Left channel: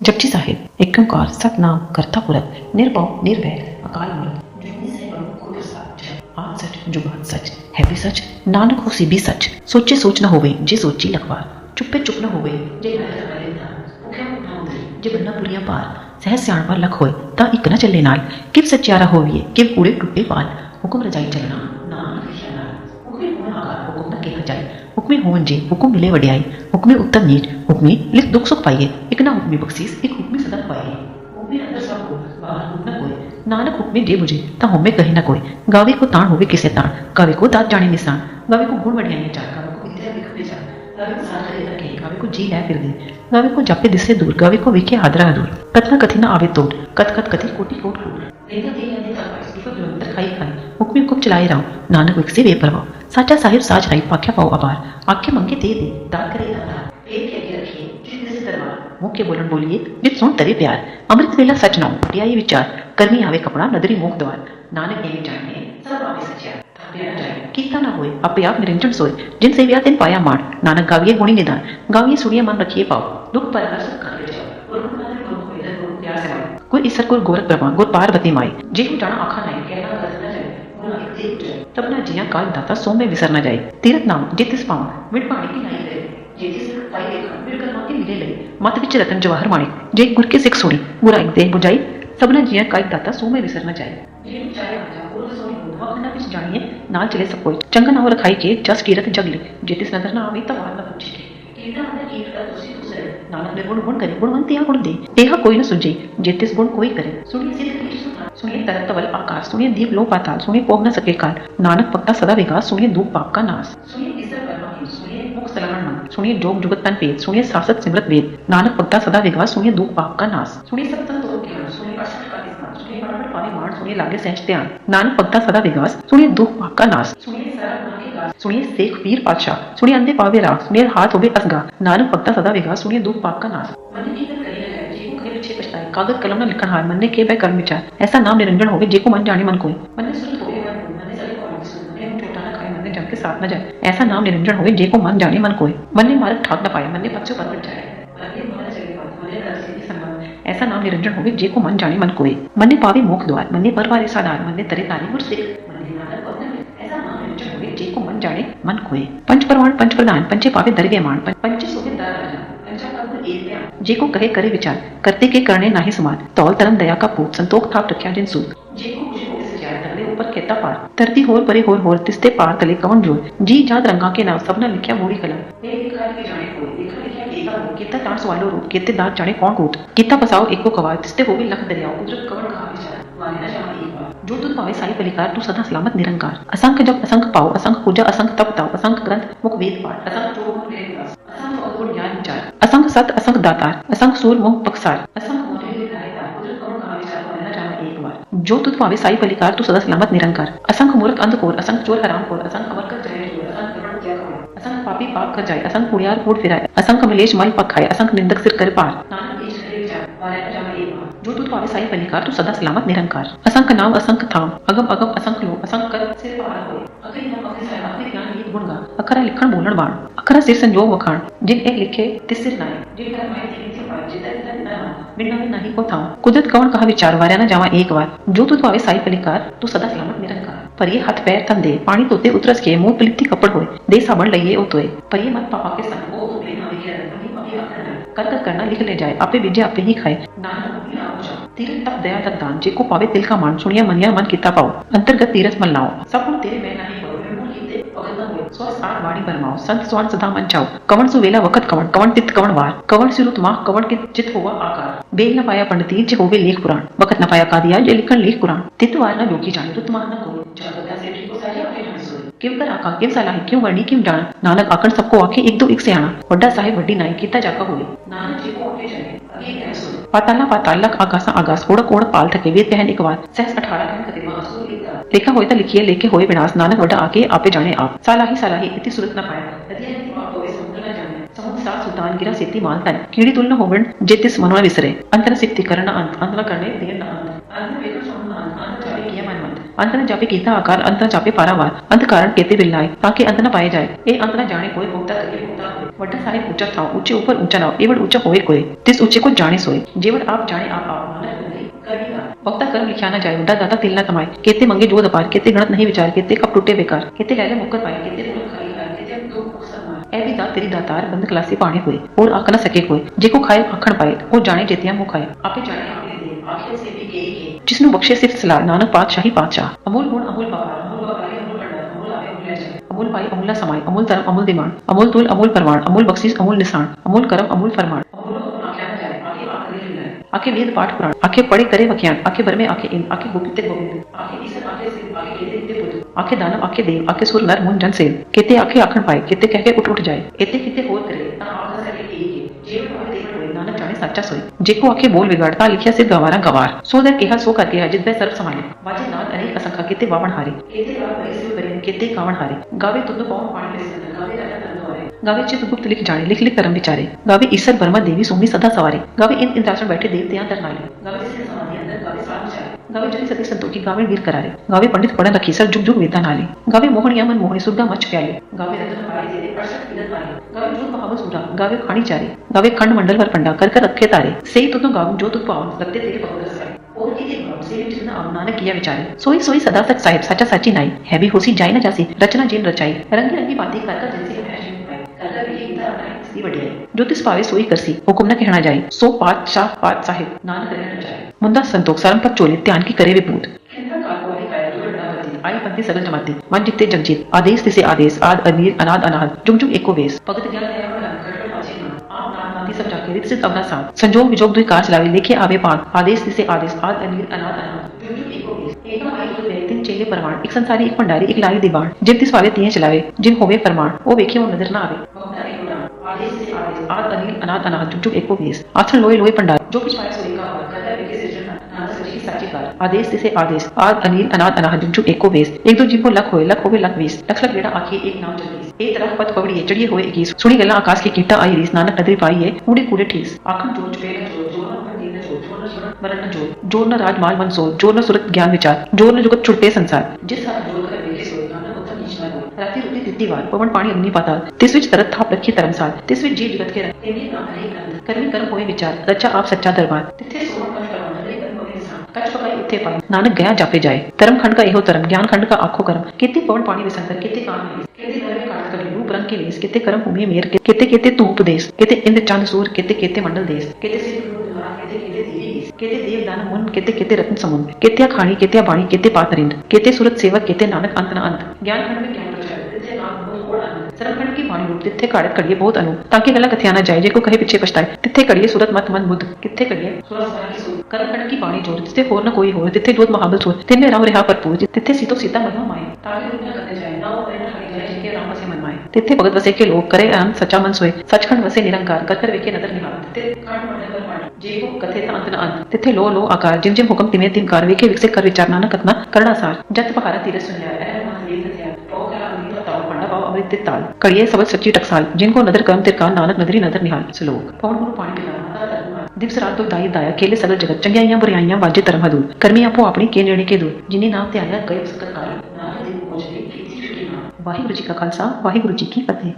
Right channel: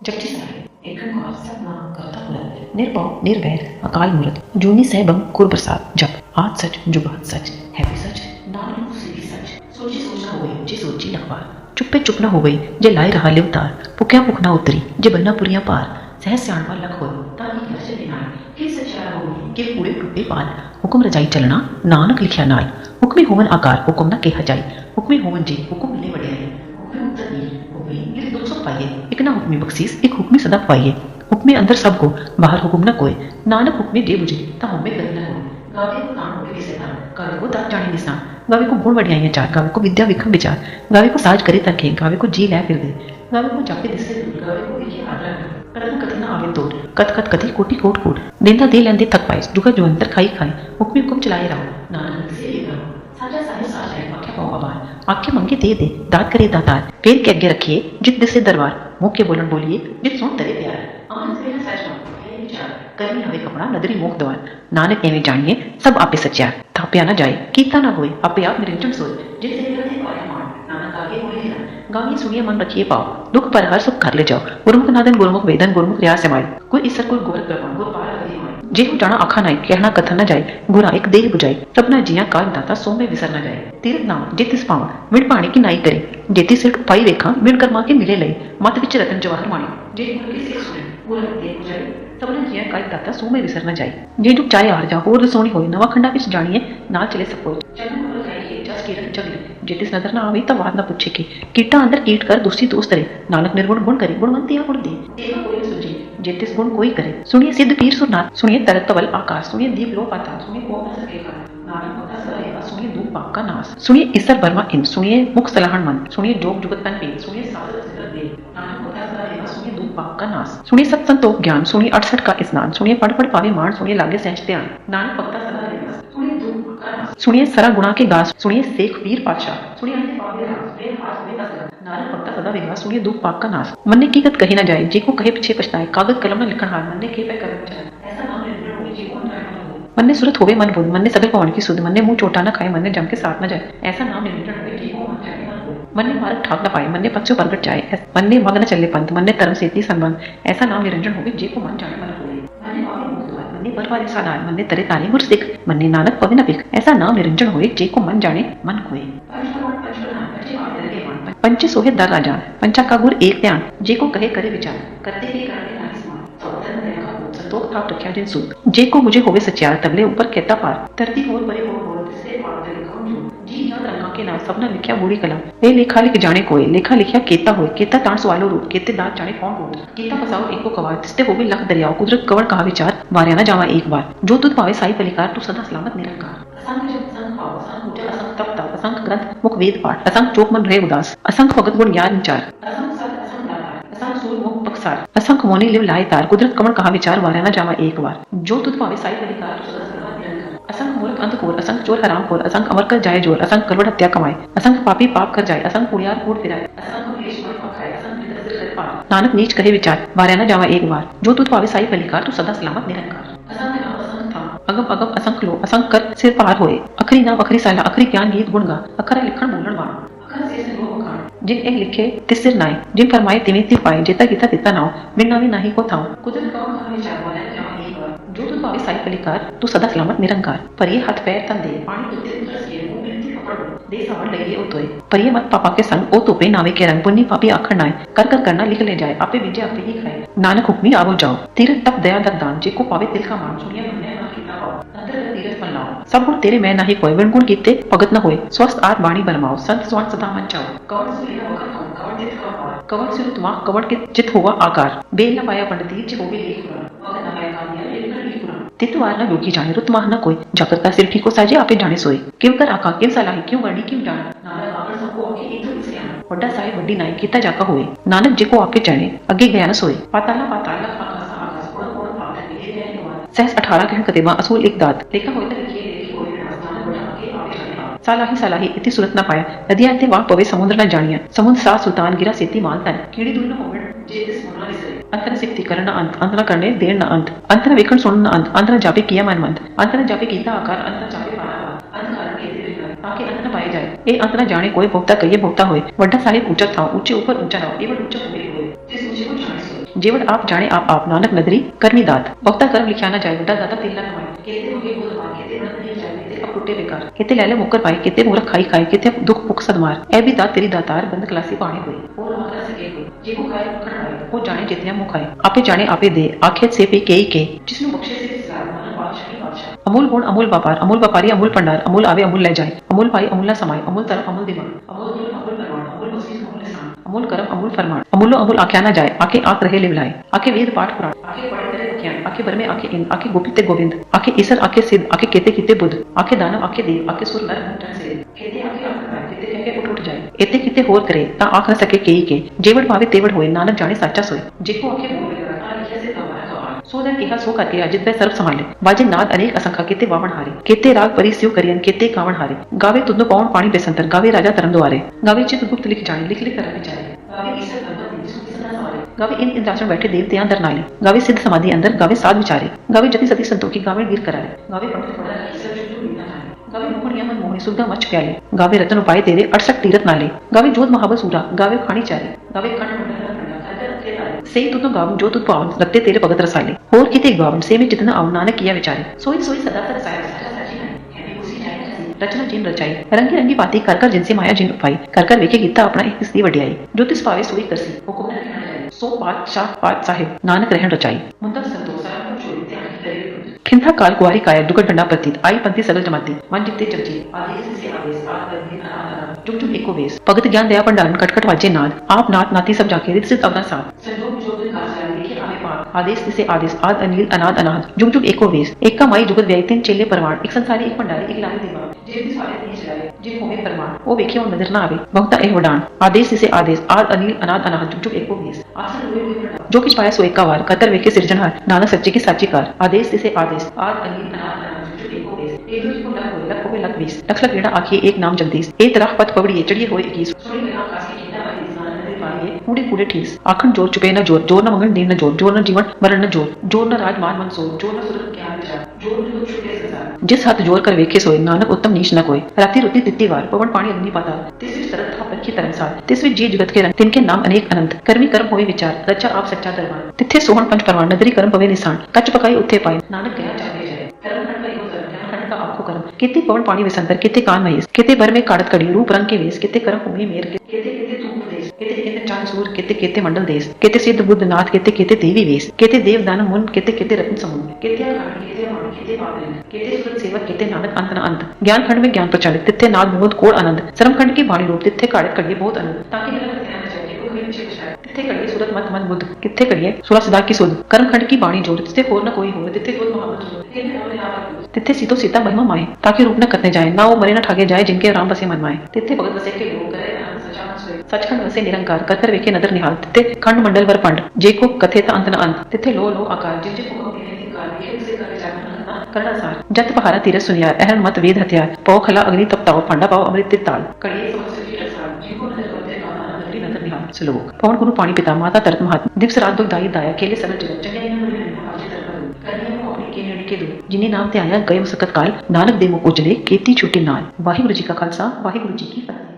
जपजी साहिब एक ओंकार सतनाम करता पुरख निरभव निर्वैर अकाल मूरत जूनी सहबम कुर प्रसाद जप आद सच जुबात सच है भी सच नानक होसी भी सच सोचे सोच न होवे जे सोची लखवार चुप्पे चुप न होवे जे लाए रहा लिवतार भुख्या भुख न उतरी जे बन्ना पुरियां पार सहज सियाणपा लख होए ता इक न चले नाल किव सच्चारा होविए किव कूड़े टुट्टे पाल हुक्म रजाई चलना नानक लिखिया नाल हुक्मे होवन आकार हुक्म न केहा जाए हुक्मे होवन जी हुक्म मिले वड्याई हुक्मे उत्तर नीर हुक्मे लिख दुख सुख पाइए एक ना हुक्मी बख्शीस एक हुक्मी सदा पाइए हुक्मे अंदर सब को बाहर हुक्म न कोई नानक हुक्मे जे बुझे ता होमे कहे न कोई गावे को ताण होवे किसे ताण गावे को दात जाने निशान गावे को गुण वड्याइयां चार गावे को विद्या विक्रम विचार गावे को साज करे तके गावे को जी लै फिर दे गावे को जापे दिसे दूर गावे को वेखे हादरा दूर कथना कथी न आवे तोड़ कथ कथ कथी कोटि कोट कोट देंदा दे लेंदे थक पाए दुखा जो अंतर खाई खाई हुक्मी हुक्म चलाए राव नानक विकसे वे परवाओ साचा साहिब साज आई पाख्या पाओ आबार आखे मंगे दे दात करे दातार पेड़ के अगे रखिए जित दिसे दरबार मुख के बोलन बोलिए जित सुन तरे प्यार अमृत वेला सच नाम ढियाई विचार करनी आवे कपड़ा नदरी मुख द्वार नानक एवं जानिए सब आपे सच्चा थाप्या न जाए कीता न होए आपे आप निरंजन सोए जिन से व्या दिन पाया मान नानक गाविये गुणी निदान गाविये सुनिए मन रखिए पाओ दुख पर हर सुख कर ले जाओ गुरुमुख नादन गुरुमुख वेदन गुरुमुख रिया से माई कोई ईसर गुर गोरख ब्रह्मा गुर पार्वती माई जे हो जाना आखा नाई कहना कथन न जाए गुरा एक देह बुझाई सबना जिया काज दाता सो में विसर न जाए तीरथ नाम जे तिस पावा विण पाणी की नाई करे जेती सिर पाई वेखा विण कर्मा के मिले लई मत विच रतन जवाहर माणी जे गुर के सिख सुनी गुरा एक देह बुझाई सबना जिया काज दाता सो में विसर न जाए जे जुग चाहे आर जा होर दसोनी होई नवा खंडा विच जानिए नाल चले सब कोई चंगा नाव रखाई के जस कीरत जगले जेतिस नजर न आवे त वाद न पूछे के कीटा अंदर कीट कर दूसरी दोस्त करे नानक निर्गुण गुण करे गुणवंत या गुण दे तेहा कोई न सुझे जेतिस गुण कोई करे सुनिए सिद्ध पीर सुरनाथ सुनिए तरत तवल आकाश सुनिए दीप लो पाताल सुनिए पोह न सके काल नानक भक्ता सदा विकास सुनिए दुख पाप का नाश सुनिए ईसर वर्मा इन सुनिए मुख सलाहन मन सुनिए जोग जुगत तन पेद सुनिए सासत सिमरत वेद नानक भक्ता सदा विकास सुनिए दुख पाप का नाश सुनिए सत संतोख ज्ञान सुनिए 68 का स्नान सुनिए पढ़ पढ़ पावे मान सुनिए लागे सहज ध्यान नानक भक्ता सदा विकास सुनिए दुख पाप का नाश सुनिए सरा गुणा के गास सुनिए शेख पीर पातशाह सुनिए अंधे पावे राग सुनिए हाथ होवे असगा नानक भक्ता सदा विकास सुनिए दुख पाप का नाश मन ने कीकत कही न जाए जे को कहे पीछे पछताए कागज कलम न लिखण हार मन ने के बै कर्म विचार ऐसा नाम निरंजन होवे जे को मन जाने मन कोई मन ने सुरत होवे मन बोल मन ने सगल पवन की सुध मन ने मुंह चोटा न खाए मन ने जम के साथ न जाए ऐसा नाम निरंजन होवे जे को मन जाने मन कोई मन ने मार्ग ठाक न पाए मन ने पक्षो प्रगट जाए मन ने मग न चले पंथ मन ने धर्म सेती संबंध ऐसा नाम निरंजन होवे जे को मन जाने मन कोई मन ने पावे मोक्ष द्वार मन ने परवारे साधार मन ने तरे तारे गुर सिख मन ने नानक पवे न बिख ऐसा नाम निरंजन होवे जे को मन जाने मन कोय पंच परवान पंच प्रधान पंचे पावे दरगे मान पंचे सोहे दर राजा पंचा का गुर एक ध्यान जे को कहे करे विचार करते के करने नाहि समान तौल तरन दया का पूत संतोख थाप रखा जिन सूत जे को मुझे होवे सचार तगले ऊपर कहता पार धरती होर परे होर तिस्ते पार तले कवन जोर जी जात रंगा के नाव सबना लिखिया बूढ़ी कलम ए लेखा लिख जाने कोय लेखा लिखिया केता होय केता ताण सवालो रूप केते दात जाने कौन कूट कीता पसाओ एको कवार तिस्ते होवे लख दरियाओ कुदरत कवन कहा विचार वार्या न जावा एक बार जो तुझ पावे साई पलिकार तू सदा सलामत निरंकार असंख्य जब असंख्य पाओ असंख्य पूजा असंख्य तप ताओ असंख्य ग्रंथ मुख वेद पाठ असंख्य चोक मन रहे उदास असंख्य भगत गुण याद विचार असंख्य सत असंख्य दातार असंख्य सूर मुख पक्षार असंख्य मोनी लिव लाए तार कुदरत कमल कहा विचार वार्या न जावा एक बार जो तुझ पावे साई पलिकार तू सदा सलामत निरंकार असंख्य मूर्ख अंधकोर असंख्य चोर हराम खोर असंख्य अमर कर जाए जोर असंख्य करवट हत्या कमाए असंख्य पापी पाप कर जाए असंख्य कुड़ियार कूट फिराए असंख्य मलेश मल पखाए असंख्य निंदक सिर कर पार नानक नीच कहे विचार वार्या न जावा एक बार जो तुझ पावे साई पलिकार तू सदा सलामत निरंकार असंख्य नाम असंख्य थाम अगम अगम असंख्य लो असंख्य कर सिर पार होए अखरी नाम अखरी साला अखरी ज्ञान गीत गुण गा अखरा लिखण बोलण बाण अखरा सिर संजोग वखाण जिन ए लिखे तिस सिर नाय जिन फरमाए तिवे ति पाए जेता गीता तिता नाव बिन नावे नाही को थाऊ कुदरत कवन कहा विचार वार्या न जावा एक बार जो तुझ पावे साई पलिकार तू सदा सलामत निरंकार पर ये हाथ पैर तन दे पानी तोते उतरस के मुंह पलिती कपड़ होए दे साबण लइए ओ तोए पर ये मत पापा के संग ओ तोपे नावे के रंग पुन्नी पापी आखण नाय कर कर करना लिख ले जाए आपे विद्या आपे ही खाए नानक हुक्मी आवो जाओ तीरथ तप दया दत दान जे को पावे तिल का मान सुनिया मनिया मन किता पाओ अंतर्गत तीरथ मल लाओ सब गुण तेरे मैं नाही कोय विण गुण कीते भगत न होए स्वस्थ आत वाणी बरमाओ संत स्वान सदा मन चाओ कवन सुवेला वखत कवन कवन तित कवन वार कवन सिरुत माह कवन के चित हुआ आकार बेल न पाया पंडिती जे होवे लेख पुराण वखत न पाया कादिया जे लिखन लेख पुराण तित वार न जोगी जाने रुत माह न कोय जागरता सिर ठीक को साजे आपे जाने सोए किव कर आका किव सलाही क्यों वर्णी किव जाना नानक आकण सबको आके एक दो एक से आना वड्डा साहिब वड्डी नाई कीता जाका होए नानक जे को आपे जाने अगे गया न सोए पाताला पाताल लख आकाशा आगास ਉਦਾਸ ਓੜਕ ਓੜਕ ਪਾਲ ਥਕੇ ਵੇਦ ਕਹਿਣ ਇੱਕ ਵਾਰ ਸਹਿਸ 18 ਕਹਿਣ ਕਤੇਬਾ ਅਸੂਲ ਇੱਕ ਦਾਤ ਲੇਖਾ ਹੋਏ ਤਾਂ ਲਿਖੀਏ ਲੇਖੇ ਹੋਏ ਵਿਨਾਸ਼ ਨਾਨਕ ਵੱਡਾ ਆਕੇ ਆਪੇ ਜਾਣੇ ਆਪ ਸਾਲਾਹੀ ਇਤੀ ਸੁਰਤ ਨਾ ਪਾਇਆ ਨਦੀਆਂ ਇੱਥੇ ਵਾਹ ਪਵੇ ਸਮੁੰਦਰ ਨਾ ਜਾਣੀਆਂ ਸਮੁੰਦ ਸਾਹ ਸੁਲਤਾਨ ਗਿਰਾ ਸੇਤੀ ਮਾਲ ਤਨ ਕੀੜੀ ਤੁਲ न ਹੋਵਣ ਜੇ ਤਿਸ ਮਨਵਾ ਵਿਸਰੇ ਅੰਤ ਨ ਸਿਫਤੀ ਕਰਨ ਨਾ ਅੰਤ ਨ ਕਰਨੇ ਦੇਣ ਨਾ ਅੰਤ ਨ ਵੇਖਣ ਸੁਣਨ ਨਾ ਅੰਤ ਨ ਜਾਪੇ ਕੀਆ ਮਨ ਮੰਦ ਅੰਤ ਨ ਜਾਪੇ ਕੀਤਾ ਆਕਾਰ ਅੰਤ ਨ ਜਾਪੇ ਪਾਰਾਵਾਰ ਅੰਤ ਕਾਰਨ ਕੇਤੇ ਬਿਲਾਏ ਤਾਂ ਕਿ ਅੰਤ ਨ ਪਾਏ ਜਾਏ ਇਹ ਅੰਤ ਨ ਜਾਣੇ ਕੋਈ ਭੋਗਤਾ ਕਹੀਏ ਭੋਗਤਾ ਹੋਏ ਵੱਡਾ ਸਾਹਿਬ ਉੱਚਾ ਥਾਂ ਉੱਚੇ ਉੱਪਰ ਉੱਚਾ ਨਾ ਇਹ ਵਡ ਉੱਚਾ ਹੋਏ ਕੋਏ ਤਿਸ ਉੱਚੇ को जाने सोए जेवड़ आप जाने आप नानक नदरी करनी दात बहुता कर्म लिखा ना जाए वड्डा दाता तिल ना तमाए केते मंगे जोत अपार केते गणत नहीं विचार केते कप टूटे बेकार केते लैले मुक्कर पाए केते मूर्ख खाई खाए केते दुख भुख सदमार ऐ भी दात तेरी दातार बंद क्लासी पाने हुए और आख न सके कोई जेको खाए आखण पाए वो जाने जेतिया मुँह खाए आपे जाने आपे दे आखे से पे के जिसनु बख्शे सिर्फ सलाह नानक पातशाह अमूल गुण अमूल व्यापारी अमूल भंडार अमूल आवे अमूल ले जाए अमूल पाई अमूल न समाए अमूल धर्म अमूल दिमाग अमूल तुल अमूल परमाण अमूल बख्शीस अमूल निशान अमूल कर्म अमूल फरमान अमूलो अमूल आख्या न जाए आके आक रहे लिवलाए आके वेद पाठ पुराण आके पढ़े करे वख्यान आके बरमे आके इंद आके गोपिते गोविंद आके ईसर आके सिद्ध आके केते किते बुद्ध आके दानव आके देव आके सुर नर मुन जन सेव केते आखे आखण पाए केते कह के उठ जाए एते किते होर करे ता आख न सके केई के जेवड़ भावे तेवड़ होए नानक जाने साचा सोई जेको आखे बोल बिगाड़ता लिखिया सिद्ध गवारा गवार सो दर केहा सो करके अजित बै सर्व संभाले बाजे नाद अनेक असंख्या केते वावण हारे केते राग परी सिव करियन केते कावण हारे गावे तुदनो पावन पानी बेसंतर गावे राजा तरन द्वारे गावे चित गुप्त लिख जाने लिख लिख करम विचारे गावे ईसर ब्रह्मा देवी सोमी सदा सवारे गावे इंद्रासन बैठे देवते दर नाले गावे सिद्ध समाधि अंदर गावे साध विचारे गावे जति सती संतोखी गावे वीर करारे गावे पंडित पढ़न रखी सर जुग जुग वेता नाले गावे मोहनिया मन मोहनी सुरगा मच प्याले गावे रतन उपाय तेरे 68 तीरथ नाले गावे जोत महाबल सूरा गावे खानी चारे गावे खंड मंडल वर पंडा कर रखे तारे सेई तुतो गावन जो तुत पावन रखते तेरे भगत रसाले और किते गावन से में जितना आव नानक किया विचारे सोई सोई सदा सच साहिब साचा साची नाई है भी होसी जाय न जासी रचना जिन रचाई रंगी रंगी बाती कर जिनसे माया जिन उपाई कर वेखे गीता अपना एक तिसदी वडियाई जो तिस पावे सोई करसी हुकुम न कहना जाए सो पात साहिब नानक रहन रचाई मुंदा संतोख सरम पर चोली ध्यान की करे विपूत खिंथा काल कुआरी काया दुगट डंडा प्रतीत आई पंथी सगल जमाती मन जिते जगजीत आदेश तिसे आदेश आद अनीर अनाद अनाद जुग जुग एको वेश भगत ज्ञान दया पंडालन कटकट वाजे नाद आप नाथ नाती सब जाके रित सिद्ध अवरा साथ संजोग विजोग दुई कार चलावे लेखे आवे पाग आदेश तिसे आदेश आद अनीर अनाद अनाद जुग जुग एको वेश एक का माई जुगत व्यय तीन चेले परवान एक संसारी एक भंडारी एक लाई दीवान जिन तिस वाले तिये चलावे जिन होवे फरमान ओ वेखे वो नजर ना आवे बहुता ए वडान आदेश तिसे आदेश आद अनील अनाद अनाद जुग जुग एको वेश आथन लोई लोई पंडार जो किछ पाया सो एक का वार कर वेखे सिरजनहार नानक सच्चे की साची कार आदेश तिसे आदेश आद अनील अनाद अनाद जुग जुग एको वेश एक दो जीवो लख होवे लख वीस लख लख एड़ा आखिए एक नाम जगदीश ए तरह पत पवड़िए चढ़िए होए इकीस सुनी गल्ला आकाश की कीटा आई रीस नानक नदरी पाई है कूड़े कूड़े ठीस आखन जोर चुपे न जोर जोर न मंगल नीर न जोर न जीवन मरण न जोर न राज माल मन सोर जोर न सुरत ज्ञान विचार जोर न जुगत छुटते संसार जिस हाथ जोर कर वेखे सोए नानक उत्तम नीच न कोई राती रुती तित्ती वार पवन पानी अग्नि पाताल तिस विच तरत थाप रखी धर्मसाल तिस विच जी जगत के रंग तिनके नाम अनेक अनंत कर्मी कर्म होए विचार रचा आप सच्चा दरबार तिथे सोहन पंच परवान नदरी कर्म पवे निशान कच पकाई उत्थे पाए नानक गया जापे जाए धर्म खंड का एहो धर्म ज्ञान खंड का आखो कर्म केते पवन पानी विसंतर केते कान महेश केते भर में काड़त कड़ी रूप रंग के वेश केते कर्म भूमि मेर केते केते तू उपदेश केते इंद्र चंद सूर केते केते मंडल देश केते सिद्ध बुद्ध नाथ केते केते देवी वेश केते देव दान मुन केते केते रत्न समुद्र केते खाणी केते बाणी केते पातरिंद केते सूरत सेवक केते नानक अंत न अंत ज्ञान खंड में ज्ञान प्रचलित तिथे नाद विनोद कोड़ आनंद श्रम खंड की बाणी रूप तिथे काड़त कड़िए बहुत अनु ताकि गला कथिया न जाए जेको कहे पीछे पछताए तिथे कड़िए सूरत मत मन बुद्ध किथे कड़िए सूरा सदा की सुध कर्म खंड की बाणी जोर तिथे होर न कोई होर तिथे जोत महाबल सूर तिनमें राम रेहा भरपूर तिथे सीतो सीता महिमा माए ताकि रूप न कतने जाए ना वो मरे न ठागे जाए जिनके राम बसे मन माए तिथे भगत वसे के लोग करे आनंद सच्चा मन सोए सचखंड वसे निरंकार कर वेखे नदर निहाल तिथे खंड मंडल वर पंड जेको कथे ता अंत न अंत तिथे लो लो आकार जिम जिम हुक्म तिमे तिम कार वेखे विकसे कर विचारना न कतना करना सार जत पहारा तीरथ सुनियार अहन मत वेद हथियार पौ खला अग्नि तपताओ पांडा पाओ अमृत तिताल कड़िए सबल सच्ची टकसाल जिनको नदर कर्म तिरकान नानक नदरी नदर निहाल श्लोक पवन गुरु पानी पिता माता तरत महात्मा दिवस रात दो दाई दाया खेले सगल जगत चंगियाइयां बुराइयां बाजे तरम हदूल कर्मी आपो अपनी के नेड़े के दूर जिन्हें नाम ते आया गए मुसकत काल नानक देव उजले केती छूटे नाल वाहिगुरु जी का खालसा वाहिगुरु जी की फतेह।